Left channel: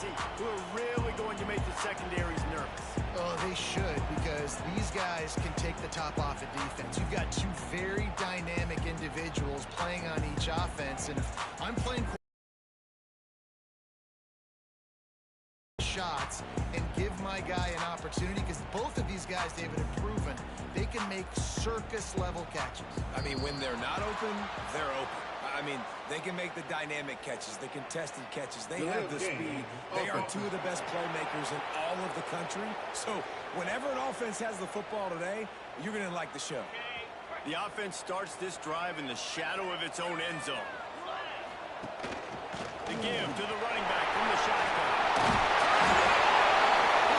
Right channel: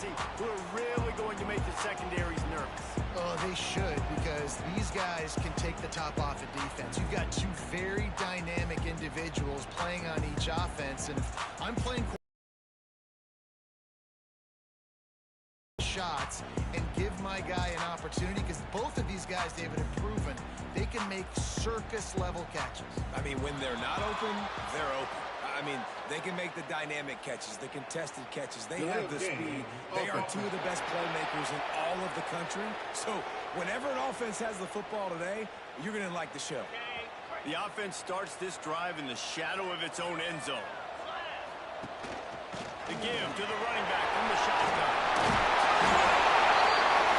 Jesse, who are really going to make the secondaries nervous. Oh, they should, because these guys can take the top off of defense. You've got two very dynamic individuals playing on each offense, and if I'm playing shots and give my guy an opportunity, because both of these guys, David, have proven they can make circus-level catches. I mean, when they're not open, they're open. I mean, they can make the dynamic catches, the contested catches. They have the speed. They are two of the best playmakers in all of the country. So whenever an offense has the football today, you're going to like the show. The offense starts this drive in the shadow of its own end zone. The give to the running back from the shotgun.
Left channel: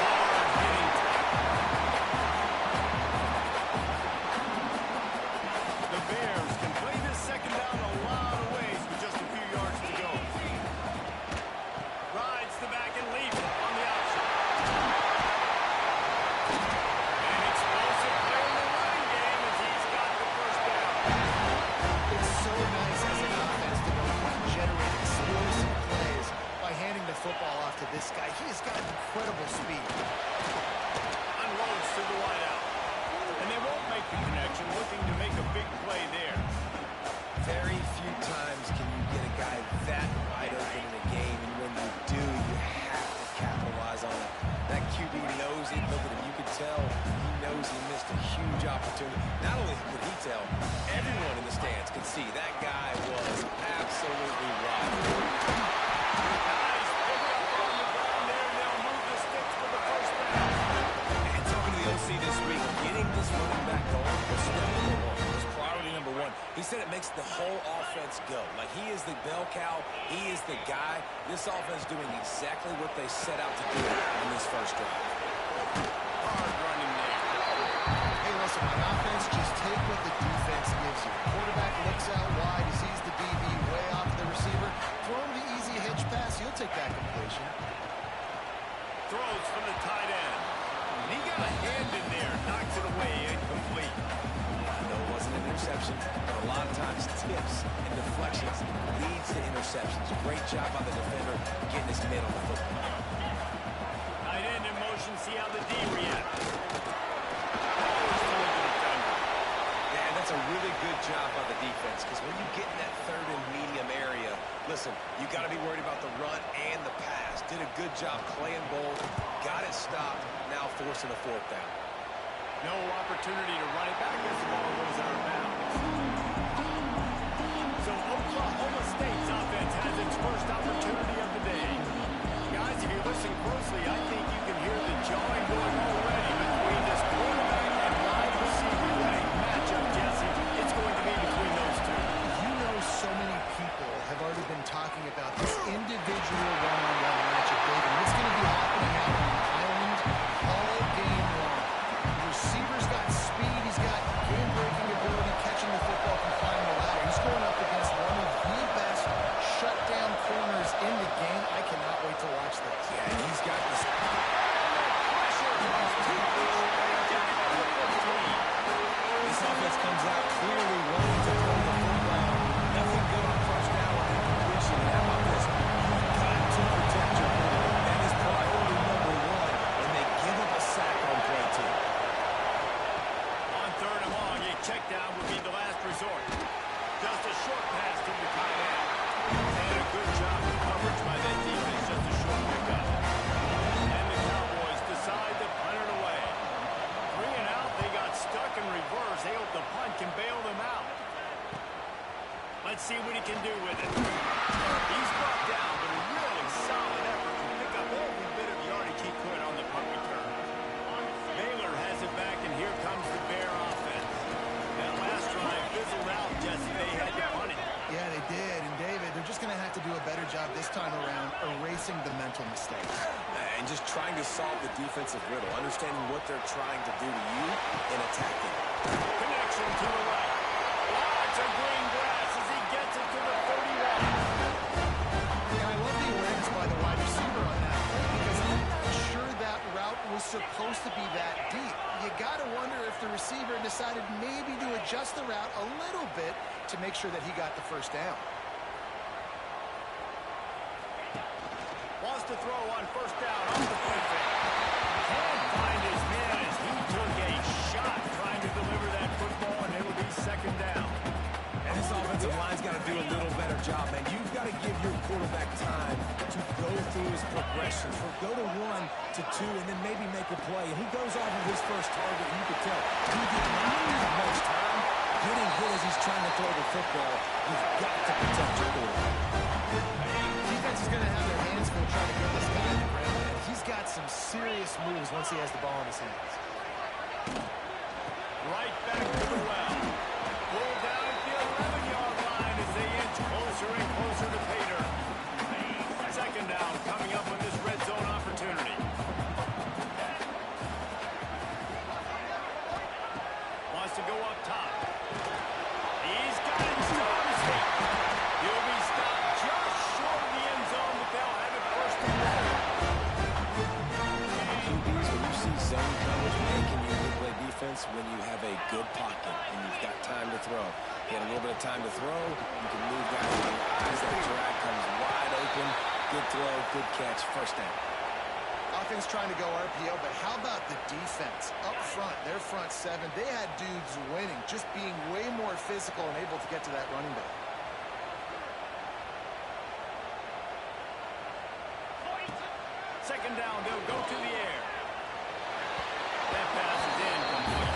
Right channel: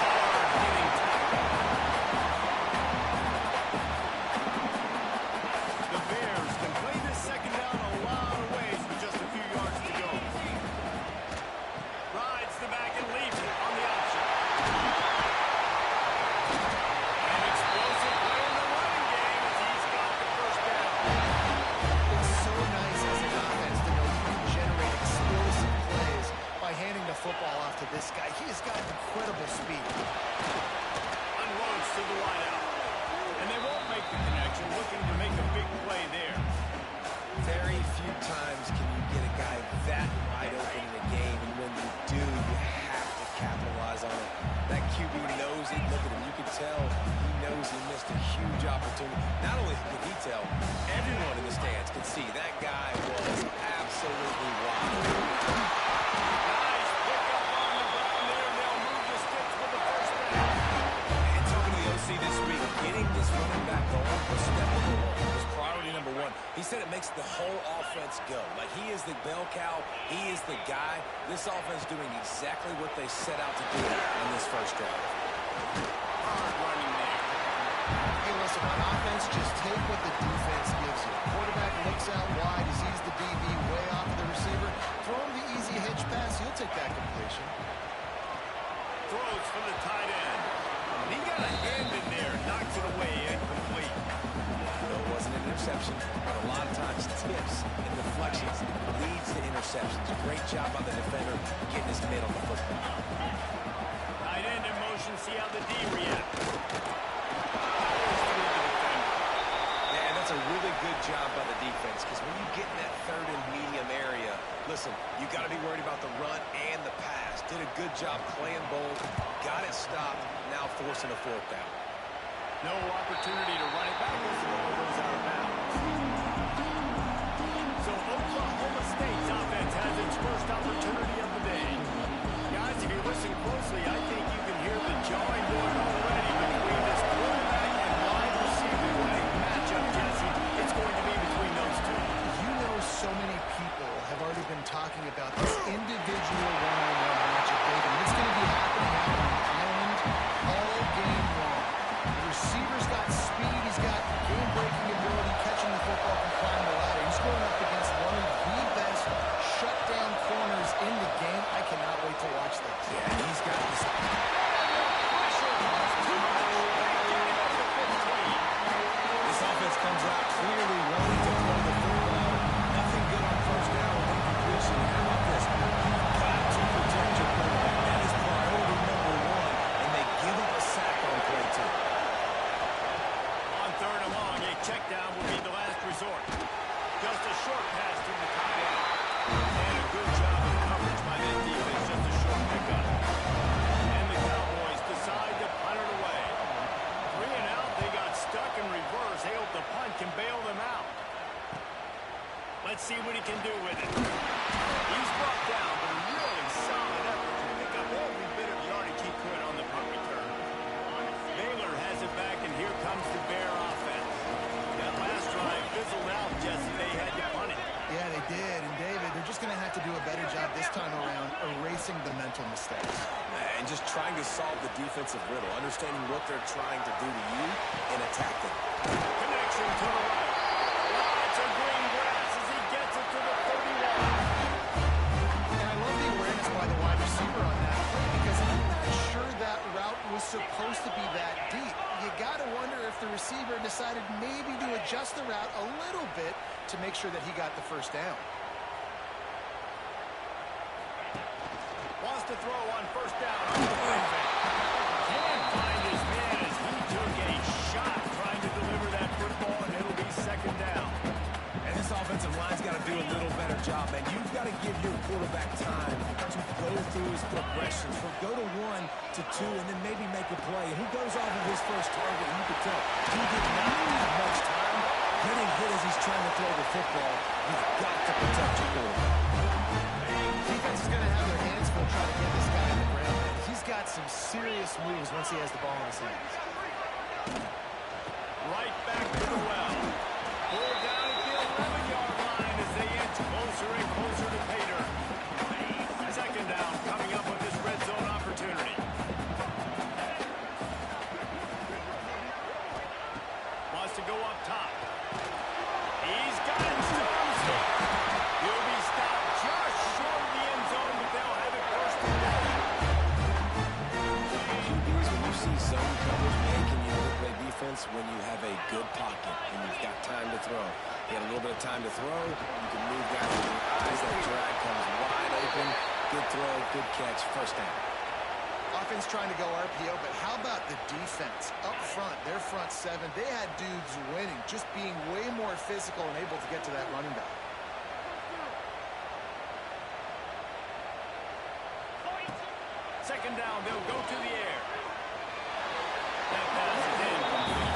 Hard-hitting tackle. The Bears can play this second down a lot of ways with just a few yards to go. Rides the back and leaves it on the option. An explosive play in the running game as he's got the first down. It's so nice as an offense to know you can generate explosive plays by handing the football off to this guy. He has got incredible speed. Unloads to the wideout. And they won't make the connection, looking to make a big play there. Very few times can you get a guy that wide open in a game, and when you do, you have to capitalize on it. That QB knows it. Look at him. You can tell he knows he missed a huge opportunity. Not only could he tell, everyone in the stands could see that guy was absolutely wide. Nice pickup on the ground there, and they'll move the sticks with the first down. And talking to the OC this week, getting this running back going was step number one. Was priority number one. He said it makes the whole offense go. Like, he is the bell cow. He is the guy. This offense doing exactly what they set out to do on this first drive. Hard running there. Hey, listen, on offense, just take what the defense gives you. Quarterback looks out wide. He sees the DB way off the receiver. Throw him the easy hitch pass. He'll take that completion. Throws from the tight end. He got a hand in there. Knocks it away. Incomplete. No, it wasn't an interception, but a lot of times tips and deflections leads to interceptions. Great job by the defender getting his mid on the football. Tight end in motion. See how the D reacts. Powers through the defender. Yeah, and that's a really good job by the defense, because when you get in that third and medium area, listen, you got to be worried about the run and the pass. Did a good job playing both, got it stopped, now forcing a fourth down. No opportunity to run it back as the ball goes out of bounds. So Oklahoma State's offense has its first opportunity of the day. Guys, if you listen closely, I think you can hear the jawing going already between this quarterback and wide receiver. What a matchup, Jesse. It's going to be between those two. You know, so many people have already been talking about this individual one-on-one matchup, David. And it's going to be happening out on the island all game long. The receiver's got speed. He's got game-breaking ability, catching the football, can climb the ladder. He's going up against one of the best shutdown corners in the game. I cannot wait to watch this. Yeah, and he's got this. Pressure was too much. They get him at the 15. This offense comes out clearly wanting to throw the football. Nothing good on first down with incompletion. And how about this? You've got to protect your quarterback. That is priority number one, and they give up a sack on play two. On third and long, a check down will be the last resort. Just a short pass to the tight end. And a good job of coverage by that defense. Just a short pickup. And the Cowboys decide to punt it away. 3 and out, they got stuck in reverse. They hope the punt can bail them out. Let's see what he can do with it. He's brought down, but a really solid effort to pick up every bit of yardage he could on the punt return. Baylor has it back, and here comes the Bear offense. That last drive fizzled out, Jesse. They had to punt it. Yeah, they did. And, David, they're just going to have to do a better job this time around erasing the mental mistakes. And just trying to solve the defensive riddle, understanding what they're trying to do to you and attack them. Connection to the right. Lots of green grass as he gets it to the 31. And I love the awareness by the wide receiver on that play, because I'm not sure that route was supposed to be that deep. You got to wonder if the receiver decided maybe to adjust the route a little bit to make sure that he got the first down. Wants to to throw on first down off the play fake. Can't find his man as he took a shot trying to deliver that football, and it'll be second down. And this offensive line's got to do a little better job, man. You've got to give your quarterback time to go through his progressions. From go to 1 to 2 and then maybe make a play. And he goes off of his first target, and you can tell he did not have much time getting hit as he's trying to throw the football. You've got to protect your quarterback. Defense is going to have their hands full trying to get this guy on the ground, man. He's got some serious moves once he has the ball in his hands. Right back to the well. Pulled down at the 11-yard line as they inch closer and closer to pay dirt. Second down coming up on this red zone opportunity. Wants to go up top. He's got it storm safe. He'll be stopped just short of the end zone, but they'll have it first and goal. QBs, when you see zone coverage, man, can you play defense when you have a good pocket and you've got time to throw? You had a little bit of time to throw. You can move guys with your eyes. That drag comes wide open. Good throw, good catch, first down. Offense trying to go RPO, but how about the defense? Up front, their front seven, they had dudes winning, just being way more physical and able to get to that running back. Second down, they'll go to the air. That pass is incomplete.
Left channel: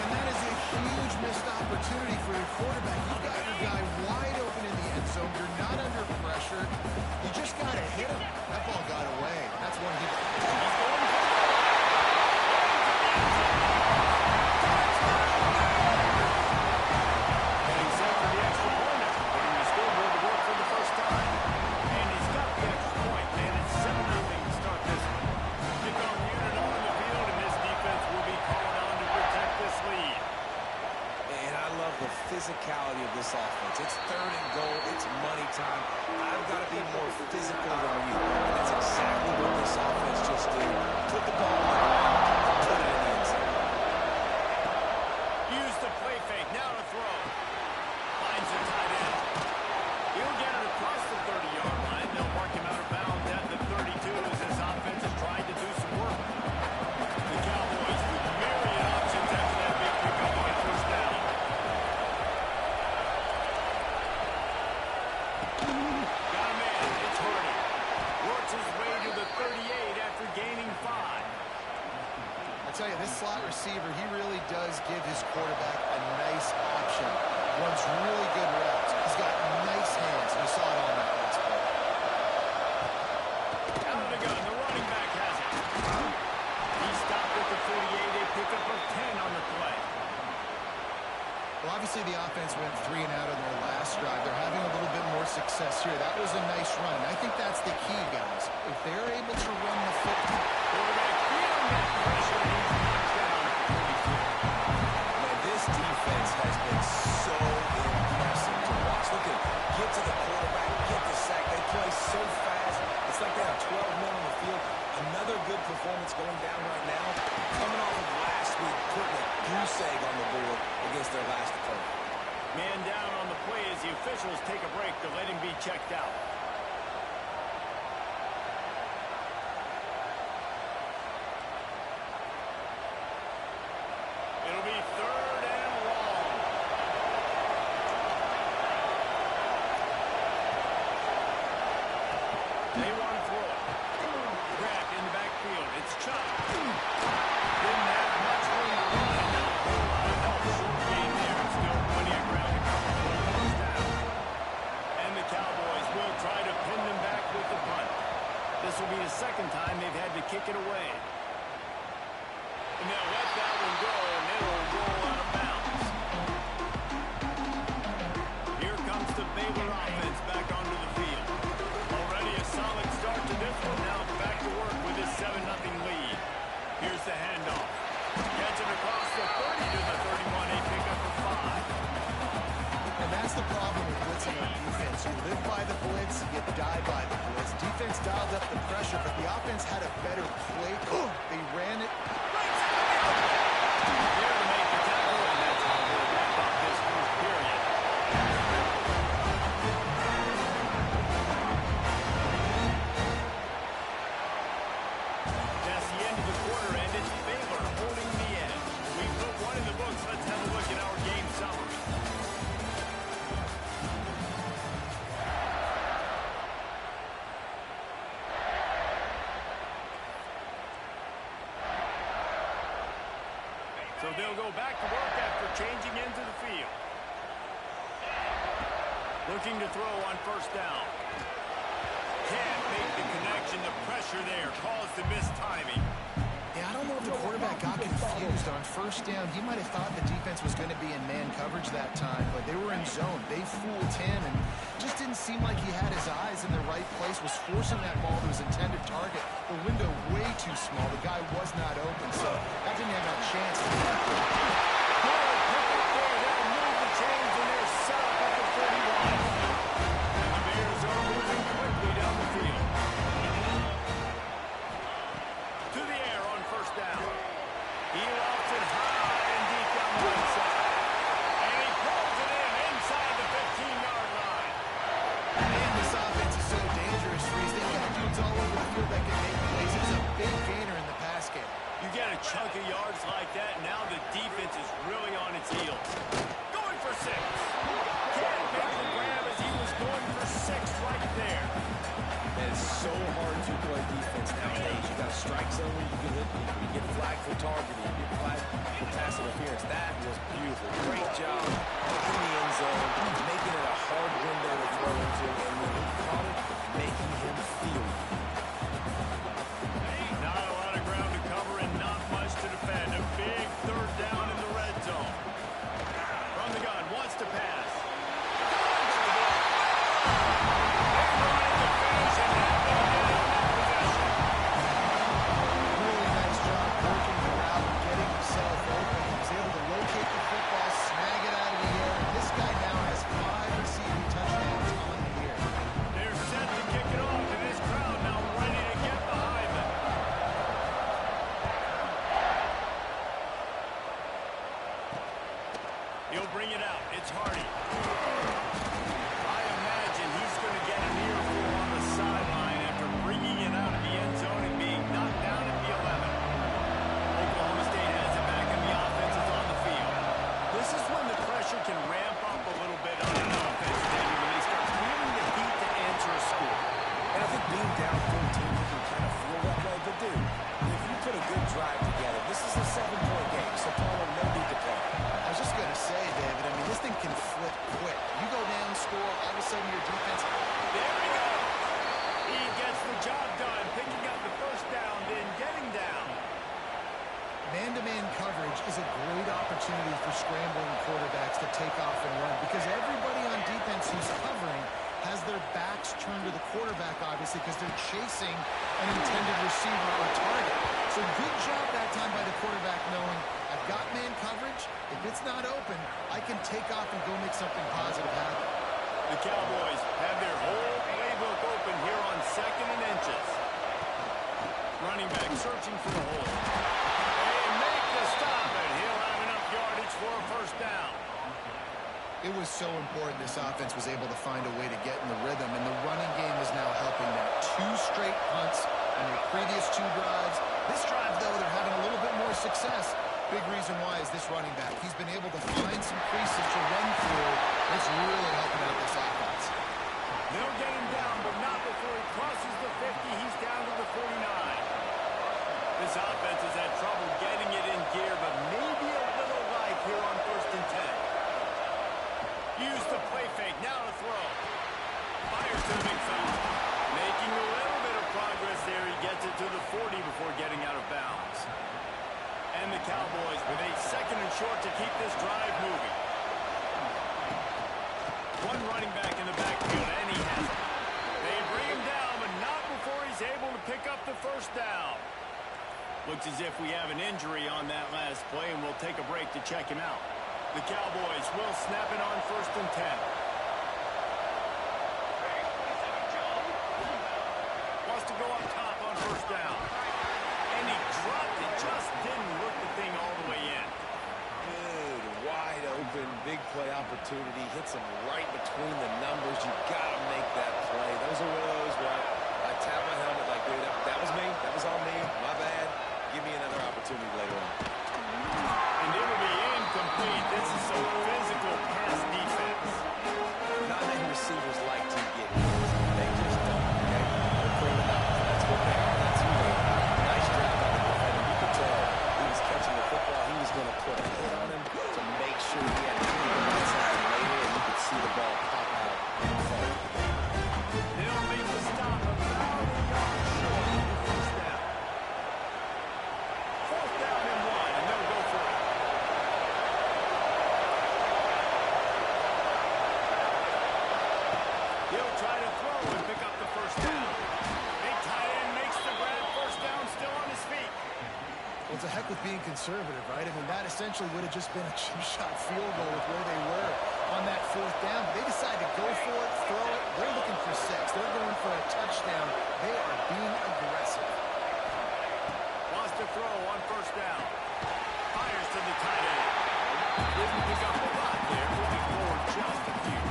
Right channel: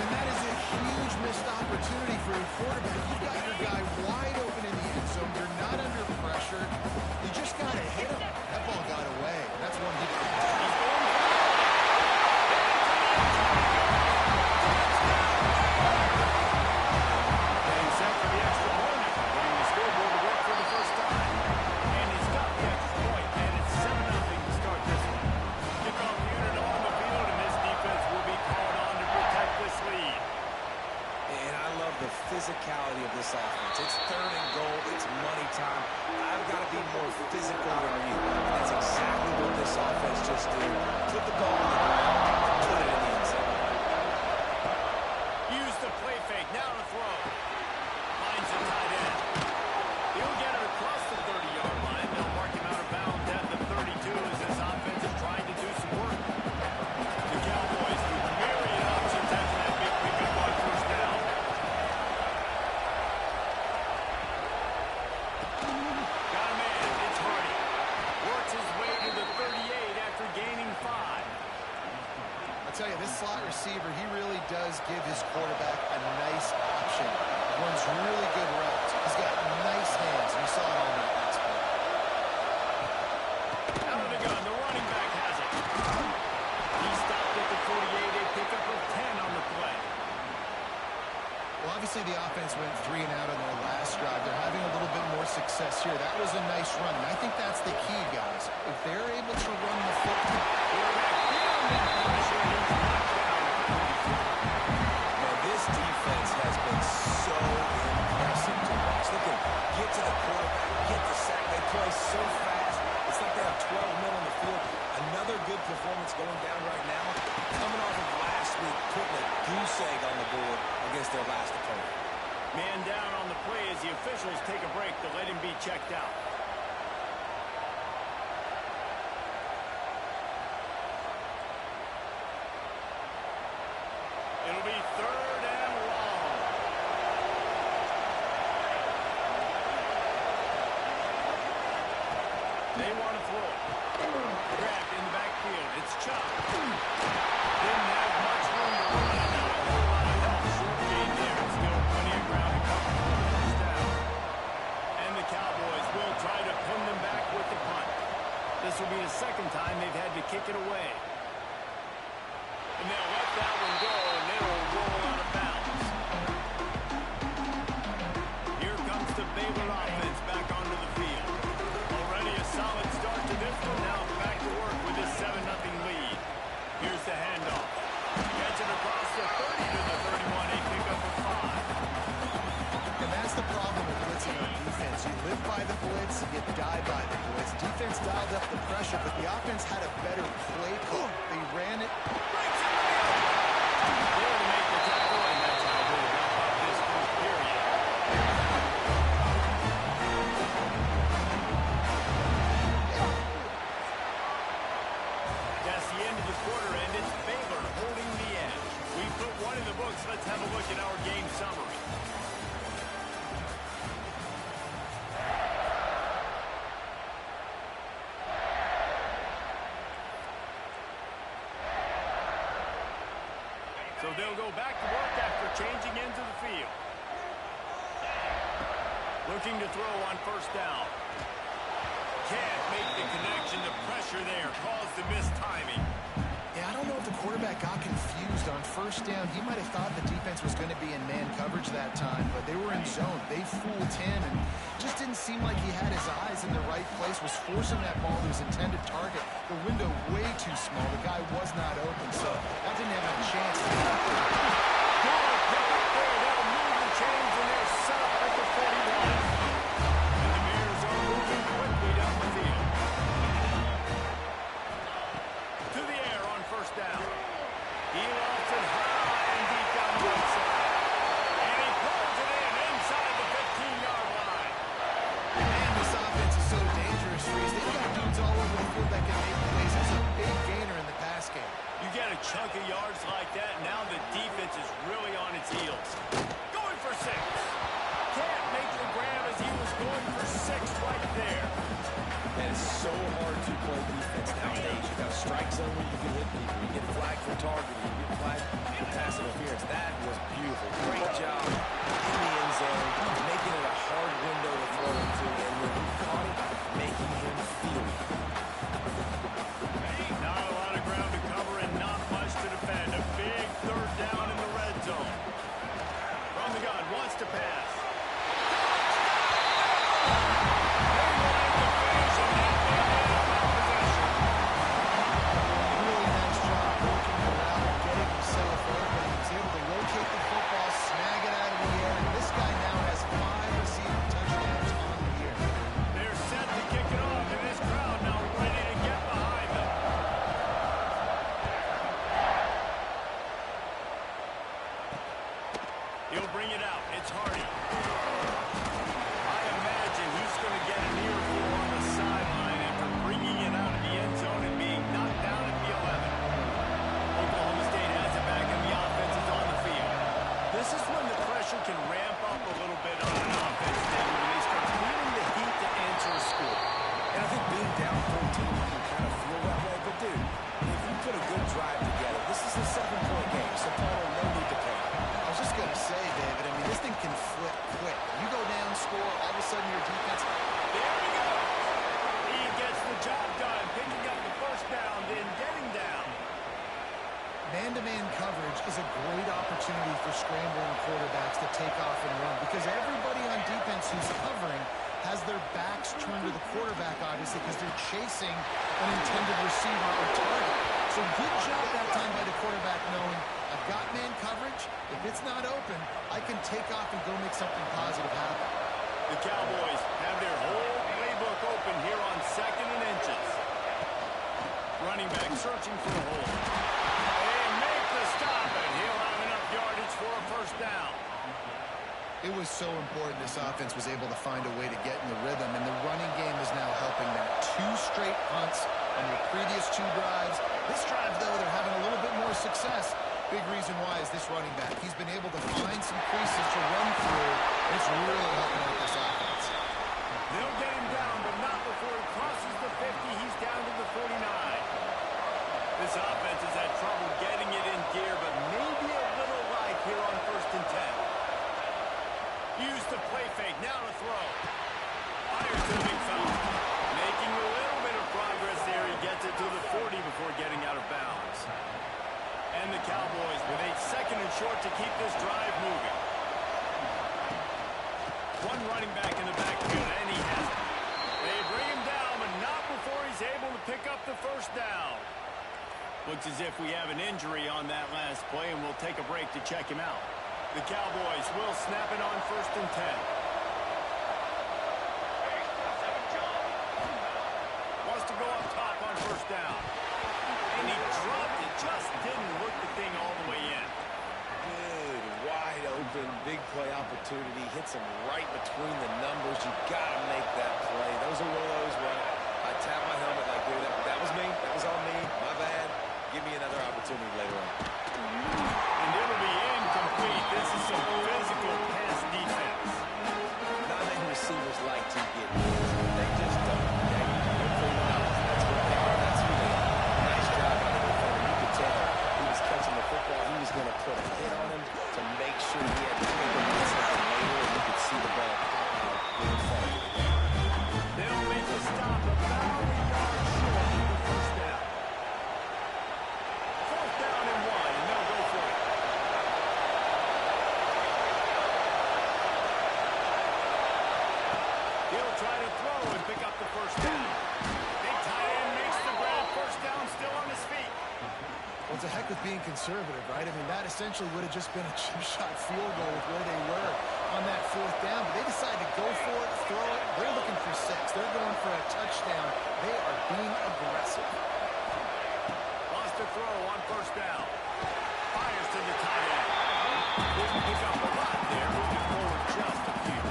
And that is a huge missed opportunity for your quarterback. You've got your guy wide open in the end zone. You're not under pressure. You just got to hit him. That ball got away. That's one he... He's going for the goal. Into the end zone. Touchdown! Getting set for the extra point after putting the scoreboard to work for the first time. And he's got the extra point, and it's 7-0 to start this one. Kickoff unit on the field, and this defense will be called on to protect this lead. And I love the physicality of this offense. It's third and goal. It's money time. I've got to be more physical than you. And that's exactly what this offense just did. Put the ball on the ground and put it in the end zone. Use the play fake. Now to throw. Finds the tight end. He'll get it across the 30-yard line. They'll mark him out of bounds at the 32 as this offense is trying to do some work. The Cowboys with myriad options after that big pickup on first down. Got a man. It's Hardy. Works his way to the 38 after gaining 5. I tell you, this slot receiver, he really does give his quarterback a nice option. Runs really good routes. He's got nice hands, and you saw it all night last play. Out of the gun, the running back has it. He stopped at the 48, a pickup of 10 on the play. Well, obviously the offense went 3 and out on their last drive. They're having a little bit more success here. That was a nice run, and I think that's the key, guys. If they're able to run the football. Quarterback feeling that pressure, and he's knocked down at the 42. Man, this defense has been so impressive to watch. Look at them. Get to the quarterback, get the sack. They play so fast. It's like they have 12 men on the field. Another good performance going down right now. Coming off of last week, putting a goose egg on the board against their last opponent. Man down on the play as the officials take a break to let him be checked out. It'll be third and long. They want to throw it. Grabbed in the backfield. It's chopped. Didn't have much room to run, and not a whole lot of help. Short gain there, and still plenty of ground to cover for the first down. And the Cowboys will try to pin them back with the punt. This will be the second time they've had to kick it away. And they'll let that one go, and it'll roll out of bounds. Here comes the Baylor offense back onto the field. Already a solid start to this one. Now back to work with his 7-0 lead. Here's the handoff. Gets it across the 30 to the 31. A pickup of 5. And that's the problem with blitzing on defense. You live by the blitz, you die by the blitz. Defense dialed up the pressure, but the offense had a better play call. They ran it. There to make the tackle, and that's how we'll wrap up this first period. So they'll go back to work after changing into the field. Looking to throw on first down. Can't make the connection. The pressure there caused the missed timing. Yeah, I don't know if the quarterback got confused on first down. He might have thought the defense was going to be in man coverage that time, but they were in zone. They fooled him and just didn't seem like he had his eyes in the right place, was forcing that ball to his intended target. The window way too small. The guy was not open, so that didn't have a chance to be accurate. Good pick up there. They'll move the chains, and they're set up at the 41. And the Bears are moving quickly down the field. To the air on first down. He lofts it high and deep down the right side. And he pulls it in inside the 15-yard line. Man, this offense is so dangerous, Reese. They've got dudes all over the field that can make plays. There's a big gainer in the pass game. You get a chunk of yards like that, and now the defense is really on its heels. Going for 6. Can't make the grab as he was going for 6 right there. And it's so hard to play defense nowadays. You got a strike zone where you can hit people. You get flagged for targeting. You get flagged for pass interference. That was beautiful. Great job in the end zone, making it a hard window to throw into. And when he caught it, making him feel it. Not a lot of ground to cover and not much to defend. A big third down in the red zone. From the gun, wants to pass. Snag it out of the air, and this guy now has 5 receiving touchdowns on the year. They're set to kick it off, and this crowd now ready to get behind them. He'll bring it out. It's Hardy. I imagine he's going to get an earful on the sideline after bringing it out of the end zone and being knocked down at the 11. Oklahoma State has it back, and the offense is on the field. This is when the pressure can ramp up a little bit on an offense, David, when they start feeling the heat to answer a score. And I think being down 14, you can kind of feel that way. But, dude, if you put a good drive together, this is a 7-point game, so Palmer, no need to panic. I was just going to say, David, I mean, this thing can flip quick. You go down, score, all of a sudden your defense... There he goes. He gets the job done, picking up the first down, then getting down. Man-to-man coverage is a great opportunity for scrambling quarterbacks to take off and run because everybody on defense who's covering has their backs turned to the quarterback, obviously, because they're chasing an intended receiver or target. So good job that time by the quarterback knowing I've got man coverage. If it's not open, I can take off and go make something positive happen. The Cowboys have their whole playbook open here on 2nd and inches. Running back searching for a hole. To stop it. He'll have enough yardage for a first down. It was so important this offense was able to find a way to get in the rhythm, and the running game is now helping that. 2 straight punts on their previous 2 drives. This drive, though, they're having a little bit more success. Big reason why is this running back. He's been able to find some creases to run through. It's really helping out this offense. They'll get him down, but not before he crosses the 50. He's down to the 49. This offense has had trouble getting it in gear, but maybe a little life here on 1st and 10. Use the play fake, now to throw. Fires to the big fella. Making a little bit of progress there. He gets it to the 40 before getting out of bounds. And the Cowboys with a 2nd and short to keep this drive moving. One running back in the backfield, and he has it. They bring him down, but not before he's able to pick up the first down. Looks as if we have an injury on that last play, and we'll take a break to check him out. The Cowboys will snap it on 1st and 10. Wants to go up top on first down. And he dropped it, just didn't look the thing all the way in. Good, wide open, big play opportunity. Hits him right between the numbers. You got to make that play. Those are one of those where I tap my helmet like, dude, that was me. That was on me. My bad. Give me another opportunity later on. And it'll be incomplete. This is some physical pass defense. Not many receivers like to get hit. They just don't, okay? They're prima donnas. That's what they are. That's who they are. Nice job by the defender. You could tell he was catching the football. He was going to put a He'll try to throw and pick up the first down. Big tight end makes the grab. First down, still on his feet. Well, it's a heck with being conservative, right? I mean, that essentially would have just been a chip shot field goal with where they were on that fourth down. But they decided to go for it, throw it. They're looking for 6. They're going for a touchdown. They are being aggressive. Wants to throw on first down. Fires to the tight end. Didn't pick up a lot there. Moving forward just a few.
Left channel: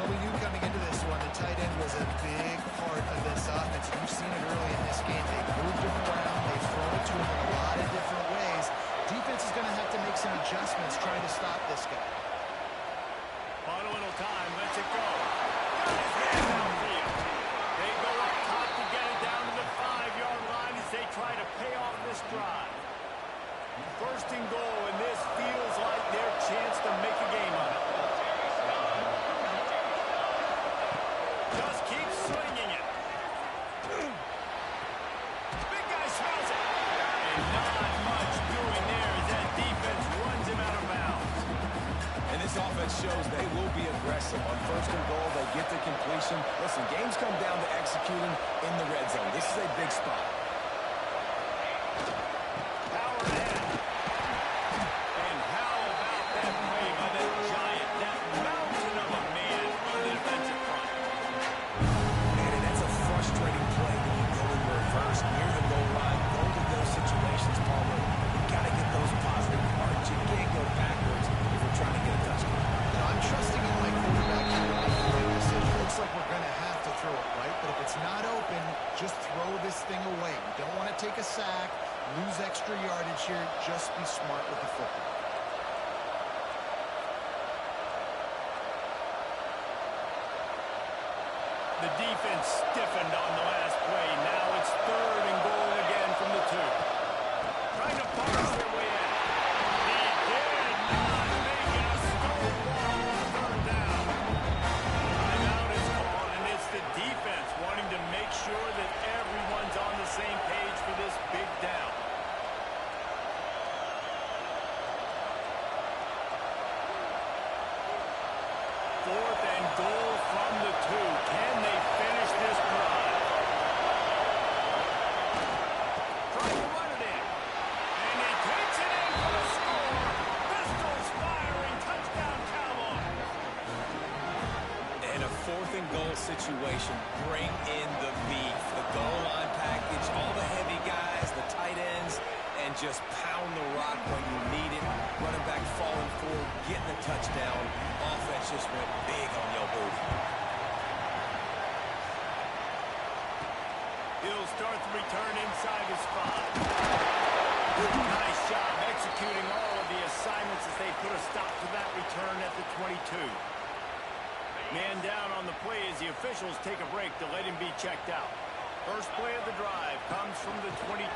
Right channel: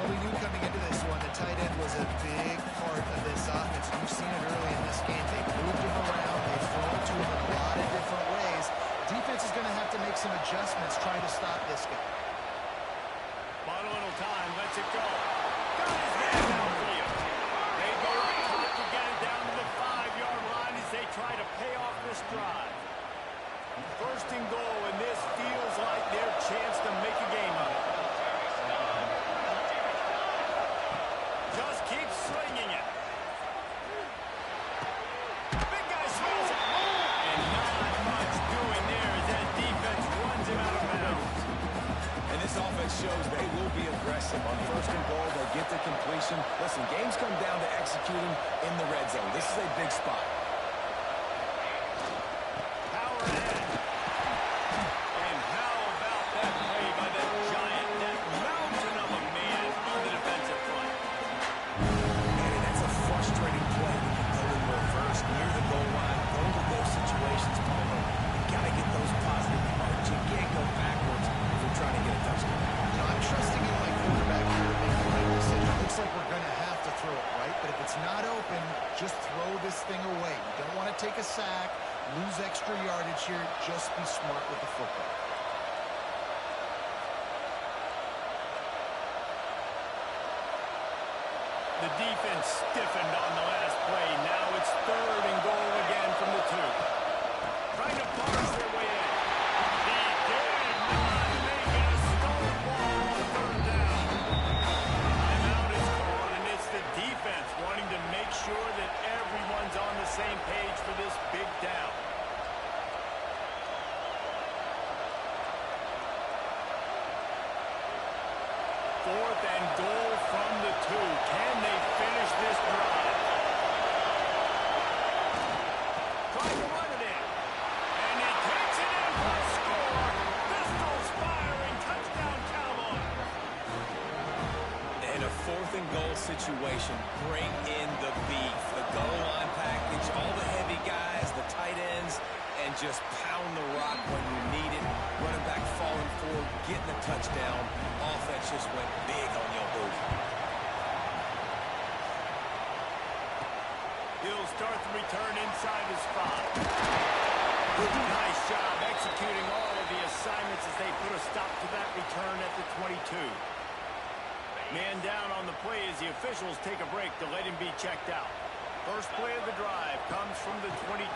Well, we knew coming into this one, the tight end was a big part of this offense. You've seen it early in this game. They've moved him around. They've thrown it to him in a lot of different ways. Defense is going to have to make some adjustments trying to stop this guy. Bought a little time. Lets it go. Got his man downfield. They go up top to get it down to the 5-yard line as they try to pay off this drive. First and goal, and this feels like their chance to make a game of it. Just keep slinging it. Big guy smells it. And not much doing there as that defense runs him out of bounds. And this offense shows they will be aggressive. On first and goal, they get the completion. Listen, games come down to executing in the red zone. This is a big spot. Power ahead. And how about that play by that giant, that mountain of a man on the defensive front? Man, and that's a frustrating play when you go in reverse near the goal line. Those are those situations, Palmer. You got to get those positive yards. You can't go backwards if you're trying to get a touchdown. You know, I'm trusting in my quarterback here to make the right decision. Looks like we're going to have to throw it, right? But if it's not open, just throw this thing away. You don't want to take a sack, lose extra yardage here. Just be smart with the football. The defense stiffened on the last play. Now it's third and goal again from the 2. Trying to force their way in. He did not make it a stone wall on third down. Timeout is called, and it's the defense wanting to make sure that everyone's on the same page for this big down. Fourth and goal from the 2. Can they finish this drive? Trying to run it in. And he takes it in for a score. Pistols firing. Touchdown, Cowboys. And a fourth and goal situation. Bring in the beef. The goal line package, all the heavy guys, the tight ends, and just pound the rock when you need it. Running back falling forward, getting the touchdown. Offense just went big on your booty. He'll start the return inside his 5. Nice job executing all of the assignments as they put a stop to that return at the 22. Man down on the play as the officials take a break to let him be checked out. First play of the drive comes from the 22.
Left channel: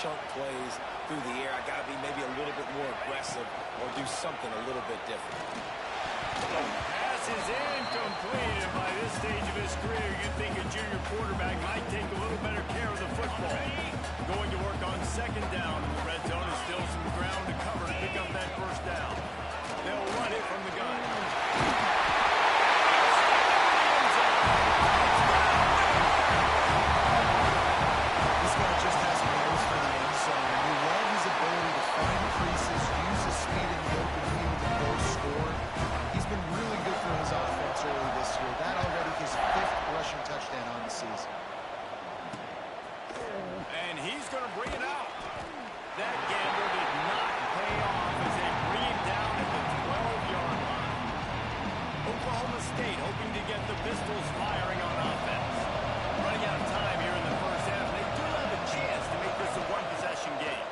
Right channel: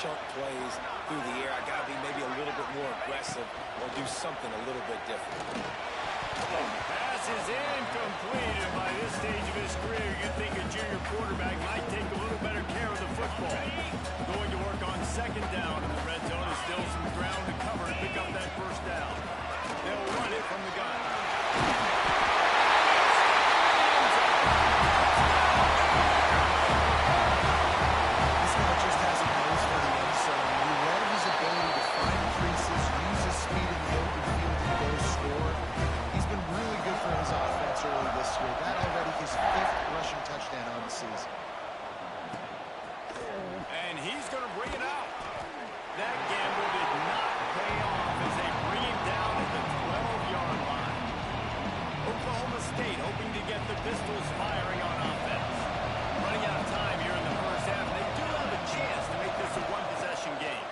Chunk plays through the air. I got to be maybe a little bit more aggressive or do something a little bit different. Pass is incomplete, and by this stage of his career, you'd think a junior quarterback might take a little better care of the football. Going to work on second down in the red zone is still some ground to cover to pick up that first down. They'll run it from the gun. This guy just has a nose for the end zone. You love his ability to find creases, use his speed in the open field, and go score. He's been really good for his offense early this year. That already his 5th rushing touchdown on the season. And he's going to bring it out. That gamble did not pay off as they bring him down at the 12-yard line. Oklahoma State hoping to get the Pistols firing on offense. Running out of time here in the first half. They do have a chance to make this a one-possession game.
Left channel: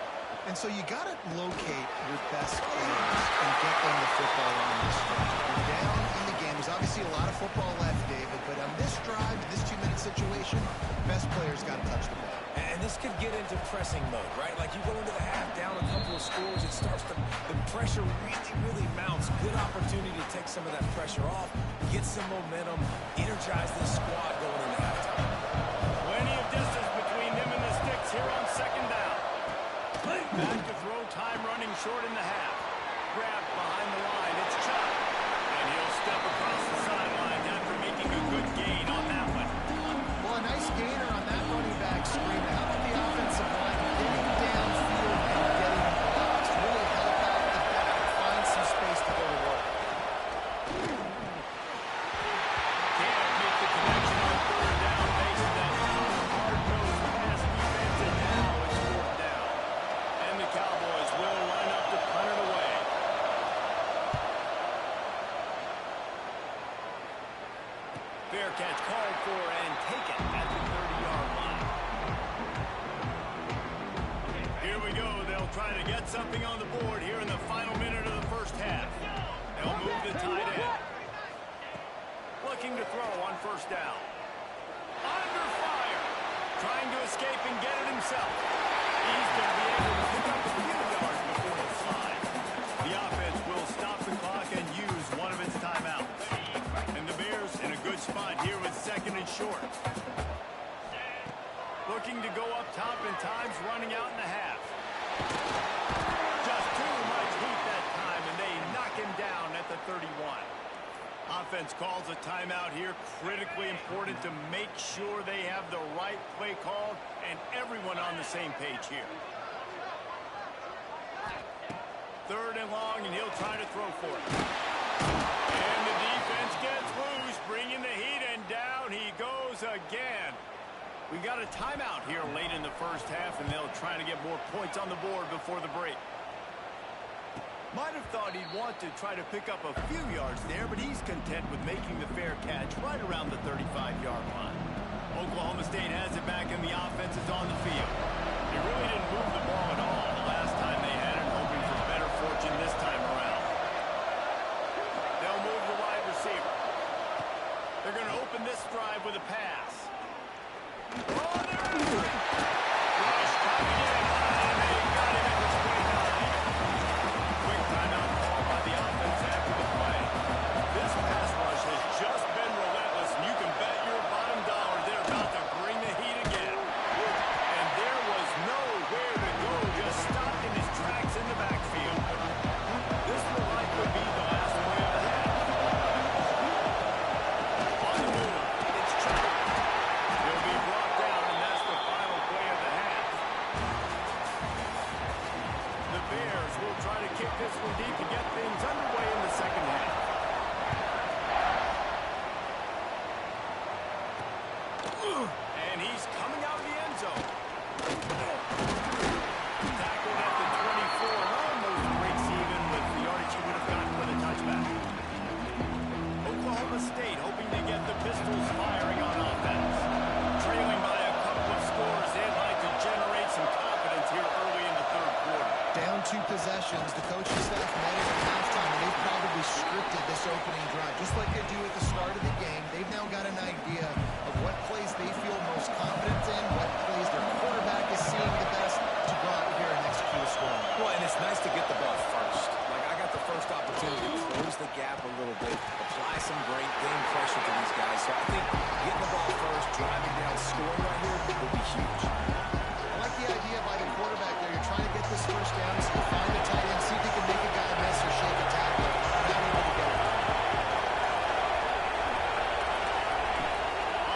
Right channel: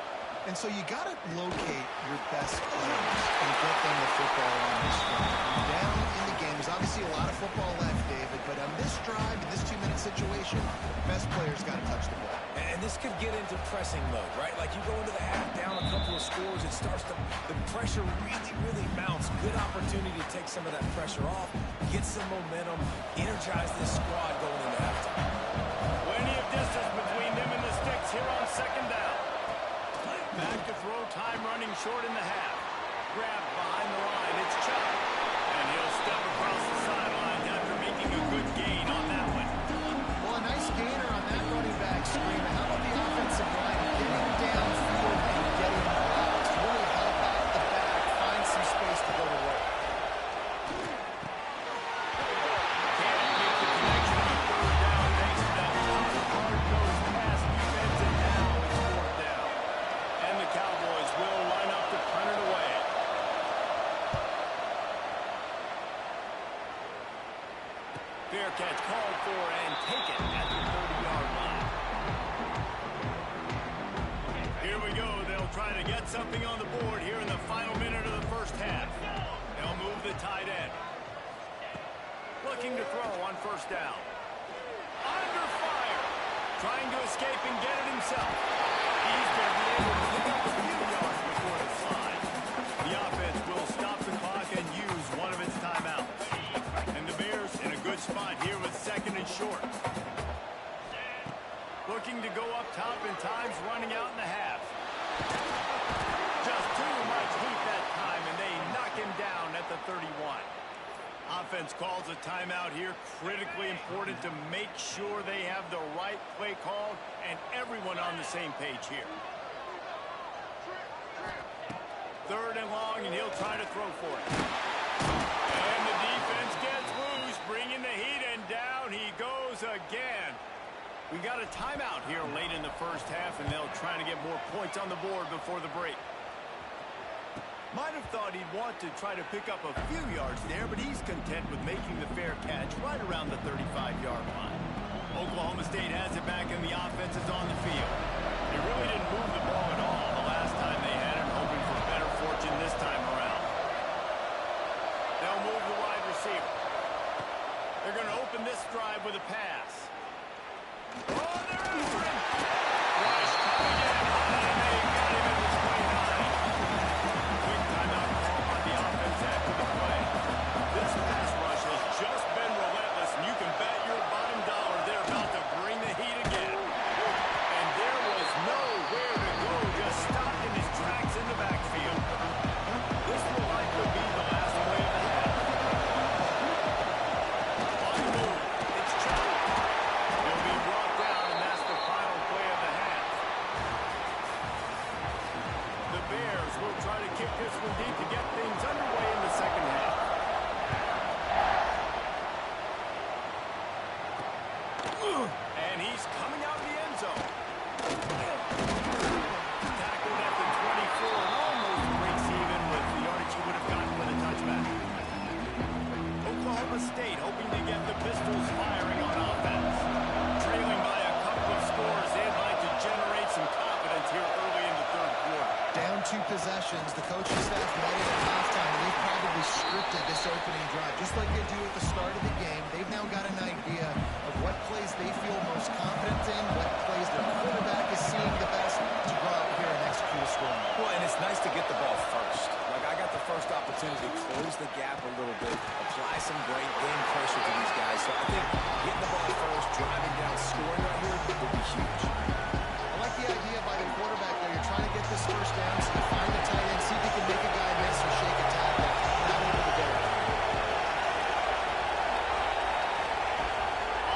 And so you got to locate your best players and get football on this drive. We're down in the game. There's obviously a lot of football left, David, but on this drive, this 2-minute situation, best player's got to touch the ball. And this could get into pressing mode, right? Like you go into the half down a couple of scores, it starts to, the pressure really mounts. Good opportunity to take some of that pressure off, get some momentum, energize this squad going into halftime. Plenty of distance between them and the sticks here on second down. Back to throw, time running short in the half. Grabbed behind the line, it's Chubb. And he'll step across the sidelines after making a good gain on that one. Well, a nice gainer on that running back screen. How about the offensive line getting downfield and getting blocks to really help out the back, find some space to go to work. Can't make the connection on third down thanks to that tough, hard-nosed pass defense, and now it's fourth down. And the Cowboys will line up to punt it away. Fair catch called for and taken at the 30-yard line. Here we go. They'll try to get something on the board here in the final minute of the first half. They'll move the tight end. Looking to throw on first down. Under fire. Trying to escape and get it himself. He's going to be able to pick up a few yards before the slide. The offense will stop the clock and use one of its timeouts. And the Bears in a good spot here with second and short. Looking to go up top, and time's running out in the half. Just too much heat that time, and they knock him down at the 31. Offense calls a timeout here. Critically important to make sure they have the right play called and everyone on the same page here. Third and long, and he'll try to throw for it. And the defense gets loose, bringing the heat, and down he goes again. We got a timeout here late in the first half, and they'll try to get more points on the board before the break. Might have thought he'd want to try to pick up a few yards there, but he's content with making the fair catch right around the 35-yard line. Oklahoma State has it back, and the offense is on the field. They really didn't move the ball at all the last time they had it, hoping for better fortune this time around. They'll move the wide receiver. They're going to open this drive with a pass. Oh, they're answering. Rush coming in high, and they got him at the 29. Quick timeout call by the offense after the play. This pass rush has just been relentless, and you can bet your bottom dollar they're about to bring the heat again. And there was nowhere to go, just stopped in his tracks in the backfield. This will likely be the last play of the half. On the move, it's Chubb. He'll be brought down, and that's the final play of the half. The Bears will try to kick this one deep to get things underway in the second half. And he's coming out of the end zone. Tackled at the 24 and almost breaks even with the yardage he would have gotten with a touchback. Oklahoma State hoping to get the Pistols firing on offense. Trailing by a couple of scores, they'd like to generate some confidence here early in the third quarter. Down 2 possessions, the coaching staff met it at halftime, and they've probably scripted this opening drive. Just like they do at the start of the game, they've now got an idea of what plays they feel most confident in, what plays their quarterback is seeing the best to go out here and execute a scoring. Well, and it's nice to get the ball first. Like, I got the first opportunity to close the gap a little bit, apply some great game pressure to these guys. So I think getting the ball first, driving down, scoring right here will be huge. I like the idea by the quarterback there. You're trying to get this first down, so you find the tight end, see if he can make a guy miss or shake a tackle. Not able to get it.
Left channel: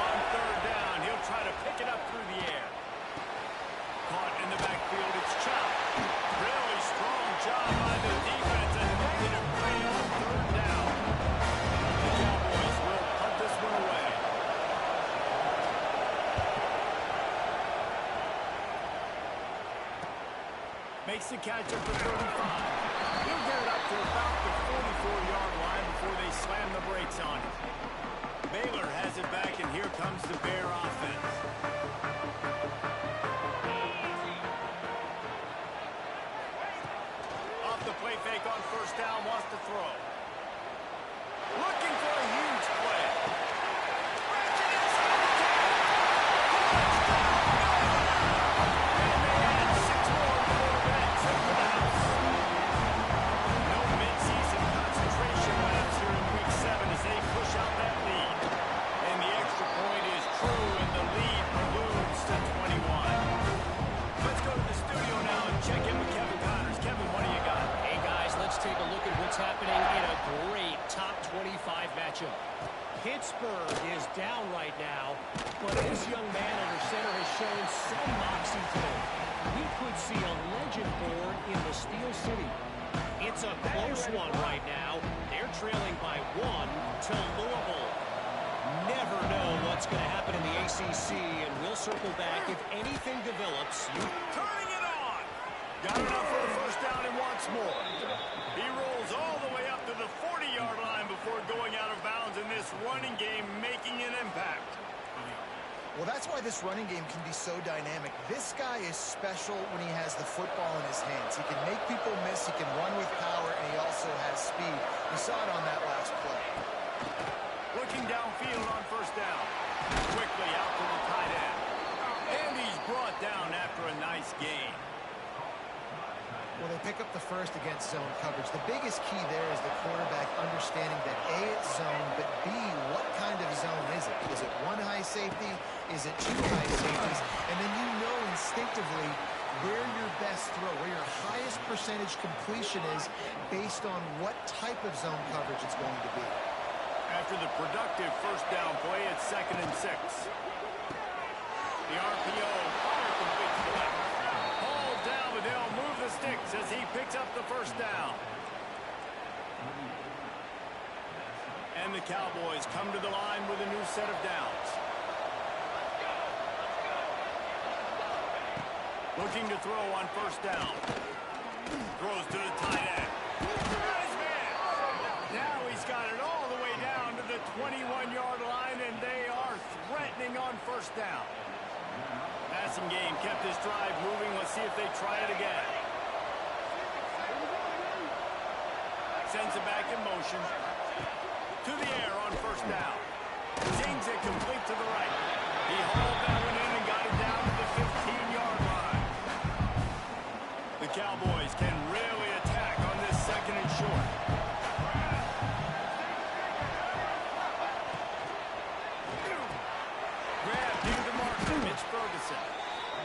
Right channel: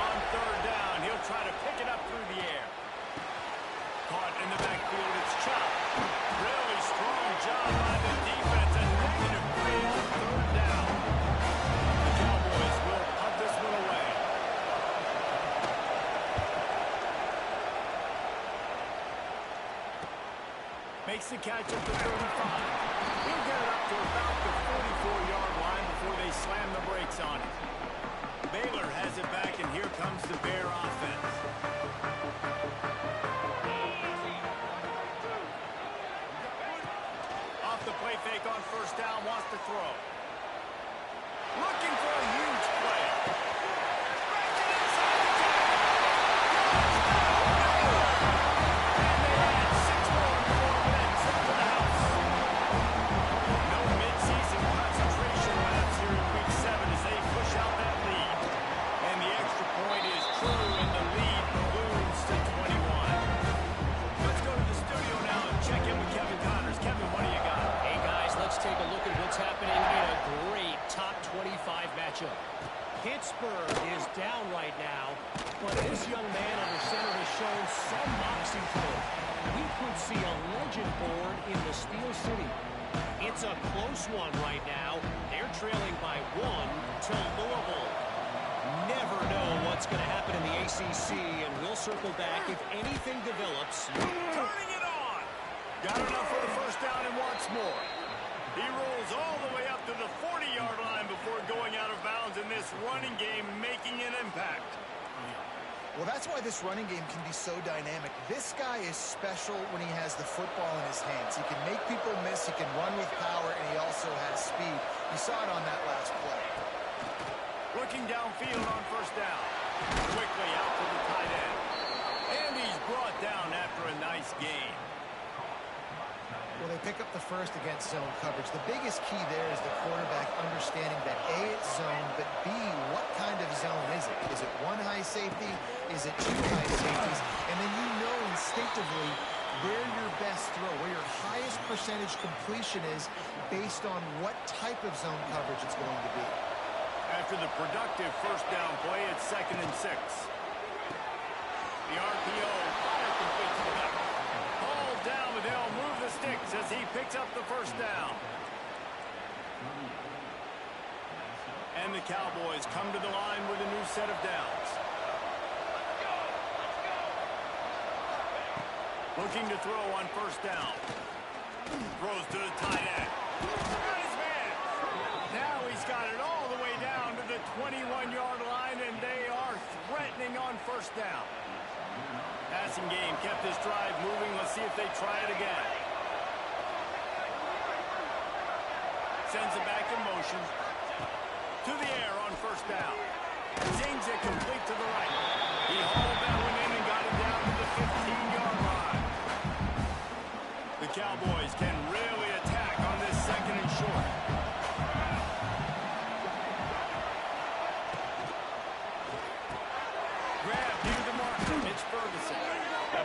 On third down, he'll try to pick it up through the air. Caught in the backfield, it's Chubb. Really strong job by the defense. A negative play on third down. The Cowboys will punt this one away. Makes the catch at the 35. He'll get it up to about the 44-yard line before they slam the brakes on it. Baylor has it back, and here comes the Bear offense. Off the play play fake on first down, wants to throw. Looking for a huge play. Stretching inside the 10. Touchdown, Baylor! And they add 6 more in the 4 minutes. Trip to the house. No midseason concentration laps here in Week 7 as they push out that lead. And the extra point is true, and the lead balloons to 21. Let's go to the studio now and check in with Kevin Connors. Kevin, what do you got? Hey, guys, let's take a look at what's happening in a great top 25 matchup. Pittsburgh is down right now, but this young man under center has shown some moxie today. We could see a legend born in the Steel City. It's a close one right now. They're trailing by 1 to Louisville. Never know what's going to happen in the ACC, and we'll circle back if anything develops. Turning it on. Got enough for the first down and wants more. He rolls all the way up to the 40-yard line before going out of bounds in this running game, making an impact. Well, that's why this running game can be so dynamic. This guy is special when he has the football in his hands. He can make people miss, he can run with power, and he also has speed. You saw it on that last play. Looking downfield on first down. Quickly out to the tight end. And he's brought down after a nice gain. Well, they pick up the first against zone coverage. The biggest key there is the quarterback understanding that A, it's zone, but B, what kind of zone is it? Is it 1 high safety? Is it 2 high safeties? And then you know instinctively where your best throw, where your highest percentage completion is based on what type of zone coverage it's going to be. After the productive first down play, it's 2nd and 6. The RPO, fire complete to the left. Ball down, but they'll move the sticks as he picks up the first down. And the Cowboys come to the line with a new set of downs. Looking to throw on first down. Throws to the tight end. Got his man. Now he's got it all the way down to the 21-yard line, and they are threatening on first down. Passing game kept this drive moving. Let's see if they try it again. Sends it back in motion. To the air on first down. Zings it complete to the right. He hauled that one in and got it down to the 15-yard line. The Cowboys can really attack on this 2nd and short. Grab near the marker. It's Ferguson.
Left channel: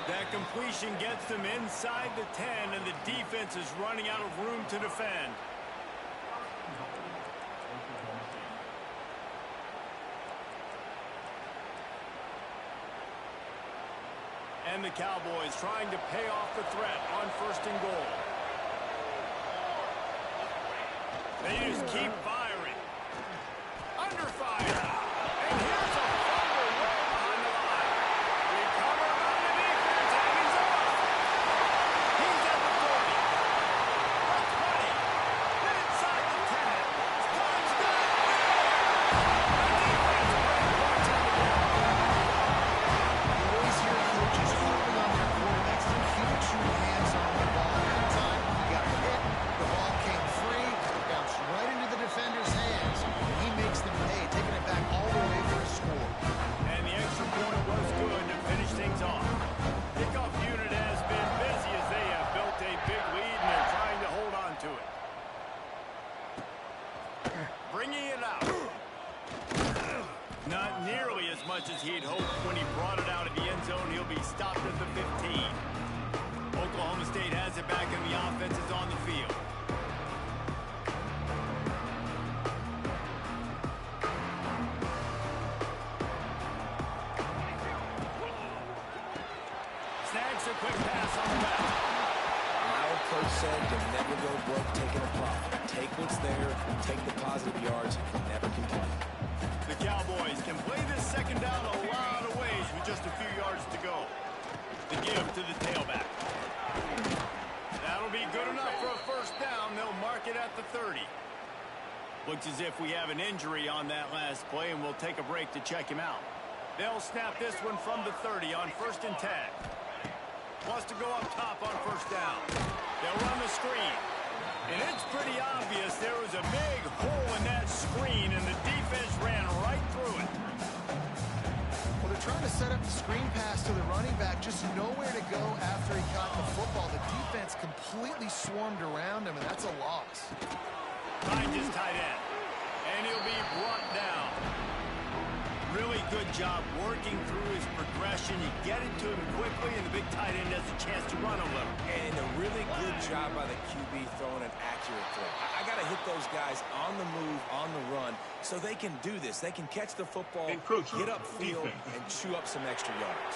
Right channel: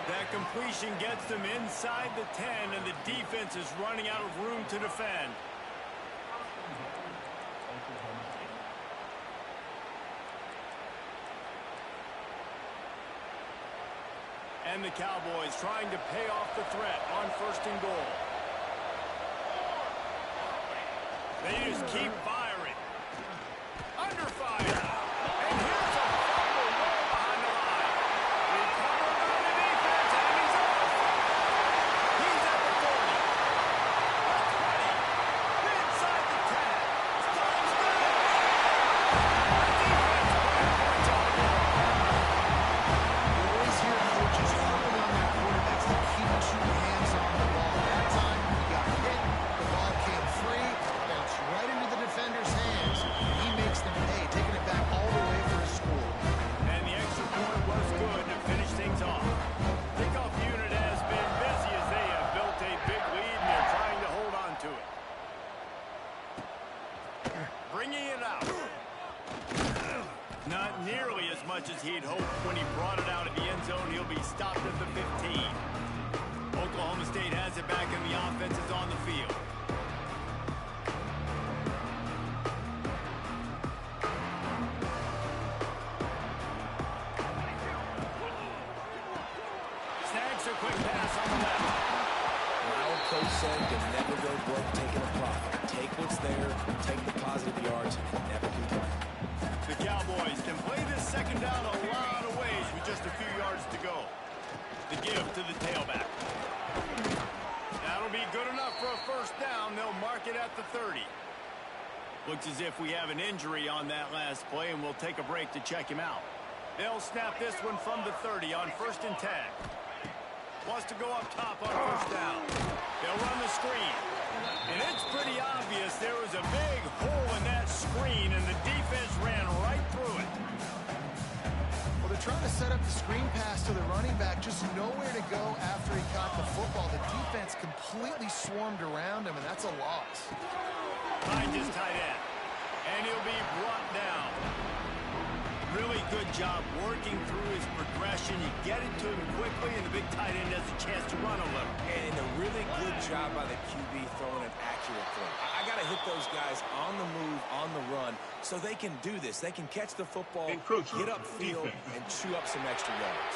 That completion gets them inside the 10, and the defense is running out of room to defend. And the Cowboys trying to pay off the threat on 1st and goal. They just keep firing. Under fire. And here's a fumble way behind the line. Recovered on the defense, and he's off. He's at the 40. The 20. Inside the 10. Touchdown. The defense putting points on the board. You always hear coaches harping on their quarterbacks to keep 2 hands on the ball. That time, he got hit. The ball came free, bounced right into the defender's hands, and he makes them pay, taking it back all the way for a score. And the extra point was good to finish things off. Kickoff unit has been busy as they have built a big lead, and they're trying to hold on to it. Bringing it out. Not nearly as much as he'd hoped when he brought it out of the end zone. He'll be stopped at the 15. Oklahoma State has it back, and the offense is on the field. Snags a quick pass on the left. My old coach said you'll never go broke taking a profit. Take what's there, take the positive yards, and never complain. The Cowboys can play this 2nd down a lot of ways with just a few yards to go. The give to the tailback. That'll be good enough for a first down. They'll mark it at the 30. Looks as if we have an injury on that last play, and we'll take a break to check him out. They'll snap this one from the 30 on 1st and 10. Wants to go up top on first down. They'll run the screen. And it's pretty obvious there was a big hole in that screen, and the defense ran right through it. Well, they're trying to set up the screen pass to the running back, just nowhere to go after he caught the football. The defense completely swarmed around him, and that's a loss. Finds his tight end, and he'll be brought down. Really good job working through his progression. You get it to him quickly, and the big tight end has a chance to run a little. And a really good job by the QB throwing an accurate throw. I got to hit those guys on the move, on the run, so they can do this. They can catch the football, get upfield, and chew up some extra yards.